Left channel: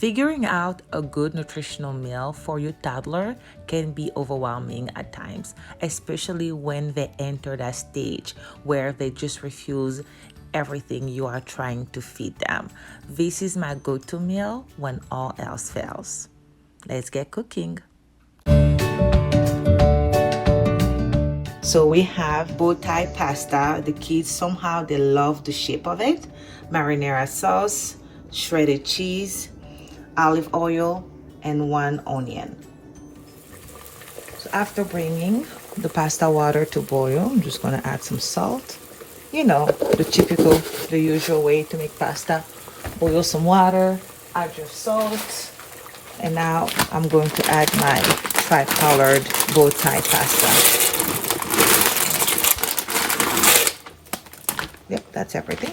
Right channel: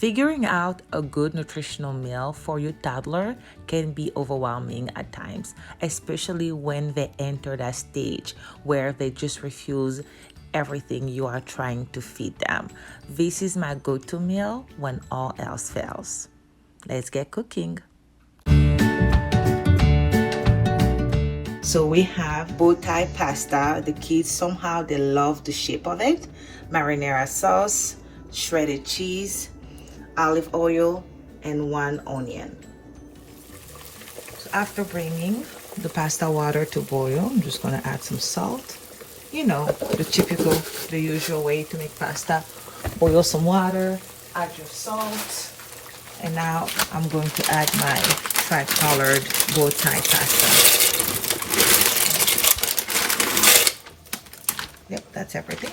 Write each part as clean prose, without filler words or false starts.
Figuring out a good nutritional meal for your toddler can be overwhelming at times, especially when they enter that stage where they just refuse everything you are trying to feed them. This is my go-to meal when all else fails. Let's get cooking. So we have bow tie pasta. The kids somehow they love the shape of it. Marinera sauce, shredded cheese, olive oil, and 1 onion. So after bringing the pasta water to boil, I'm just gonna add some salt. You know, the usual way to make pasta. Boil some water, add your salt, and now I'm going to add my tri-colored bow tie pasta. Yep, that's everything.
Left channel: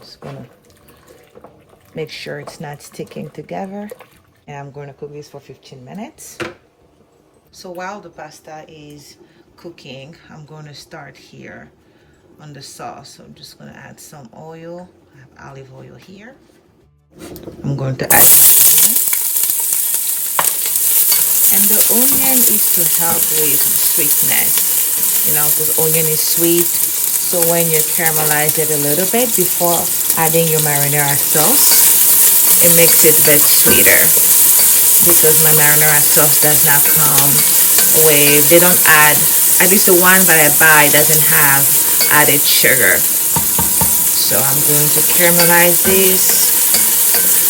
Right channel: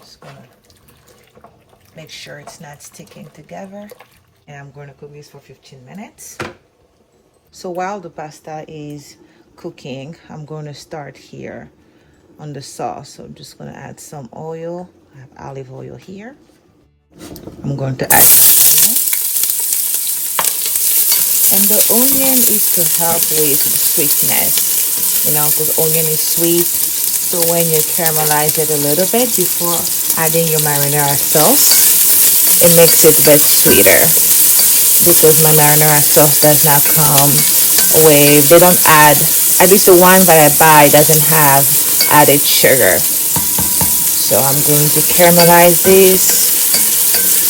Just gonna make sure it's not sticking together. And I'm going to cook this for 15 minutes. So while the pasta is cooking, I'm going to start here on the sauce. So I'm just going to add some oil. I have olive oil here. I'm going to add my onion. And the onion is to help with the sweetness, you know, because onion is sweet. So when you caramelize it a little bit before adding your marinara sauce, it makes it a bit sweeter. Because my marinara sauce does not come with, they don't add, at least the one that I buy doesn't have added sugar. So I'm going to caramelize this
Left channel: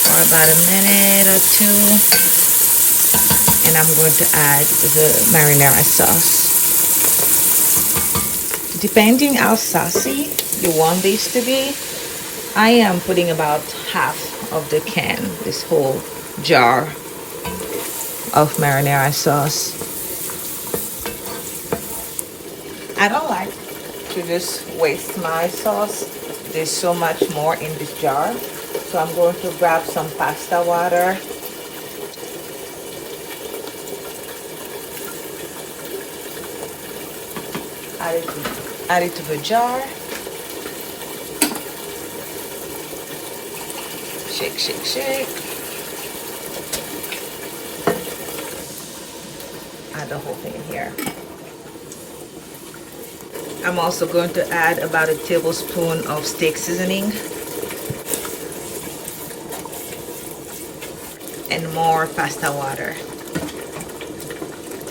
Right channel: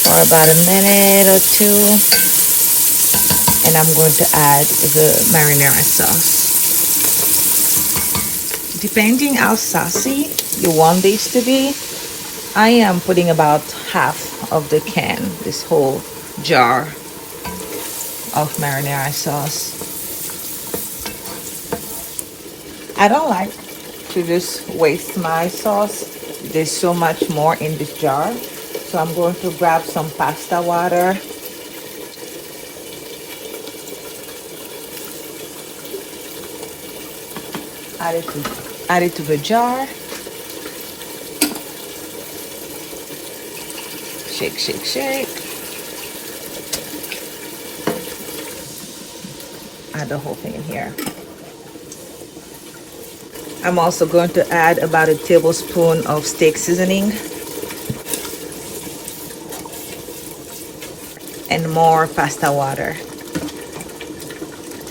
for about a minute or two. And I'm going to add the marinara sauce. Depending how saucy you want this to be, I am putting about half of the can, this whole jar of marinara sauce. I don't like to just waste my sauce. There's so much more in this jar. So I'm going to grab some pasta water. Add it to the jar. Shake, shake, shake. Add the whole thing in here. I'm also going to add about a tablespoon of steak seasoning and more pasta water.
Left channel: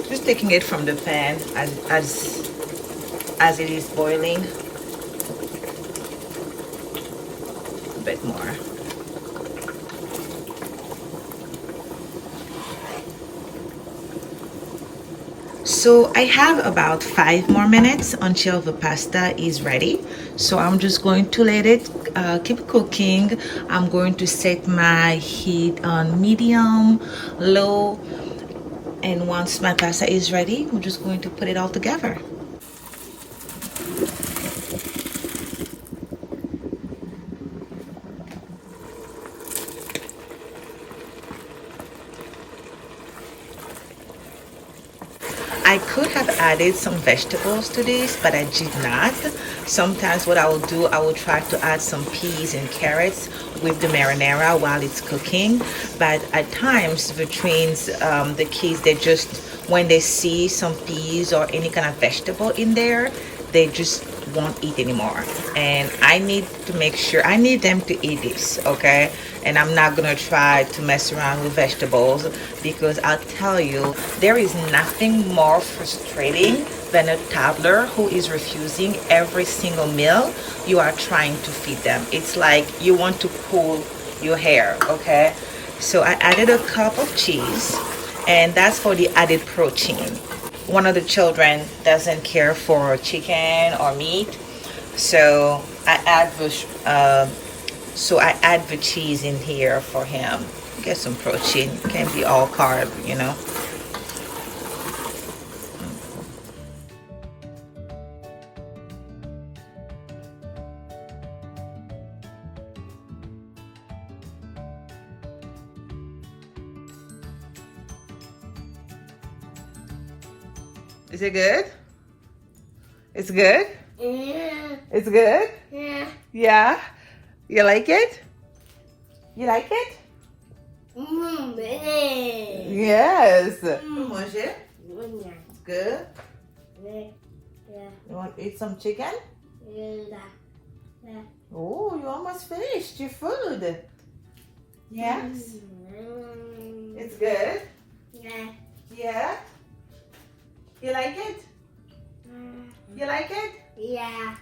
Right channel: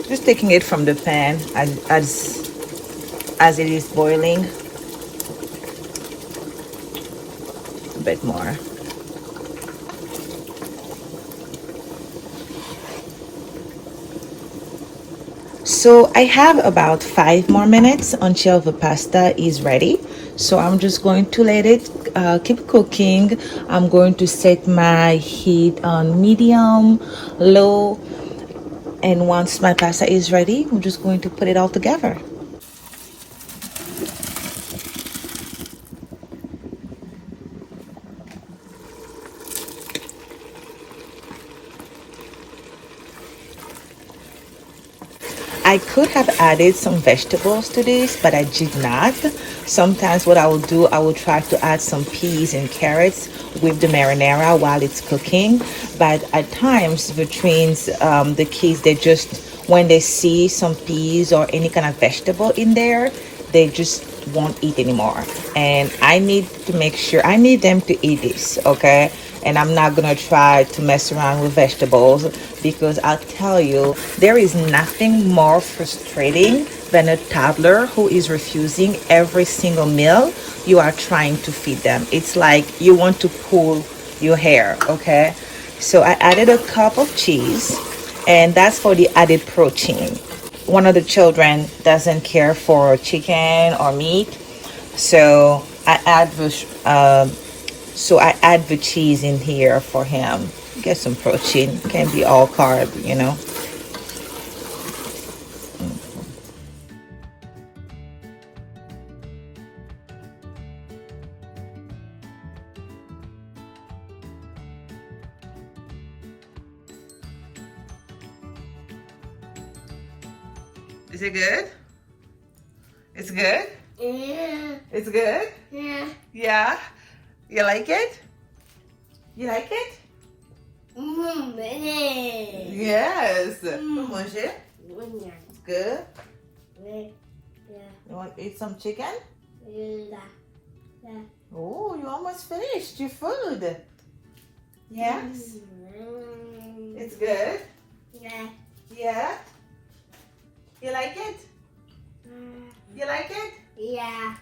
Just taking it from the pan as it is boiling. A bit more. So I have about 5 more minutes until the pasta is ready. So I'm just going to let it keep cooking. I'm going to set my heat on medium, low, and once my pasta is ready, I'm just going to put it all together. I could have added some vegetables to this, but I did not. Sometimes what I will do, I will try to add some peas and carrots with the marinara while it's cooking. But at times, the kids, they just, when they see some peas or any kind of vegetable in there, they just won't eat anymore. And I need to make sure, I need them to eat this, okay? And I'm not gonna try to mess around with vegetables, because I'll tell you, there is nothing more frustrating than a toddler who is refusing every single meal you are trying to feed them. It's like you want to pull your hair, okay? So I added a cup of cheese, and that's for the added protein. One of the children doesn't care for chicken or meat, so I add the cheese in here for him. Get some protein. It can't be all carb, you know. Is it good? It's good? Yeah. It's good? Yeah. Yeah? You like it? You like it? Benie. Yes. You mange it? Yeah. It's good. Yeah. You want to eat some chicken? Yeah. Yeah. Oh, you almost finished your food. Yes. It's good. Yeah. Yeah. You like it? You like it? Yeah.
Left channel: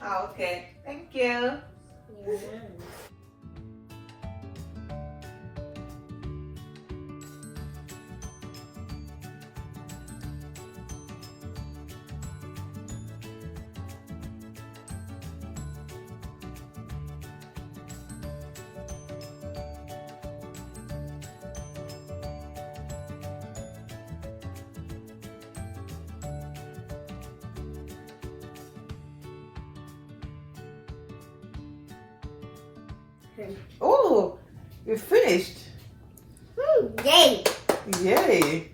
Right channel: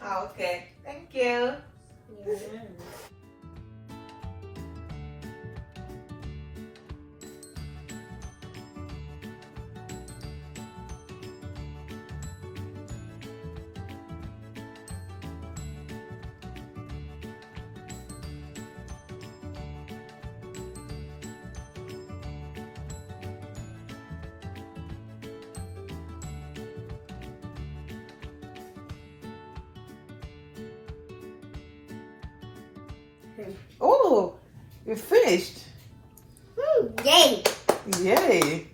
Oh, okay. Thank you. Yeah. Oh, you're finished. Yay. Yay.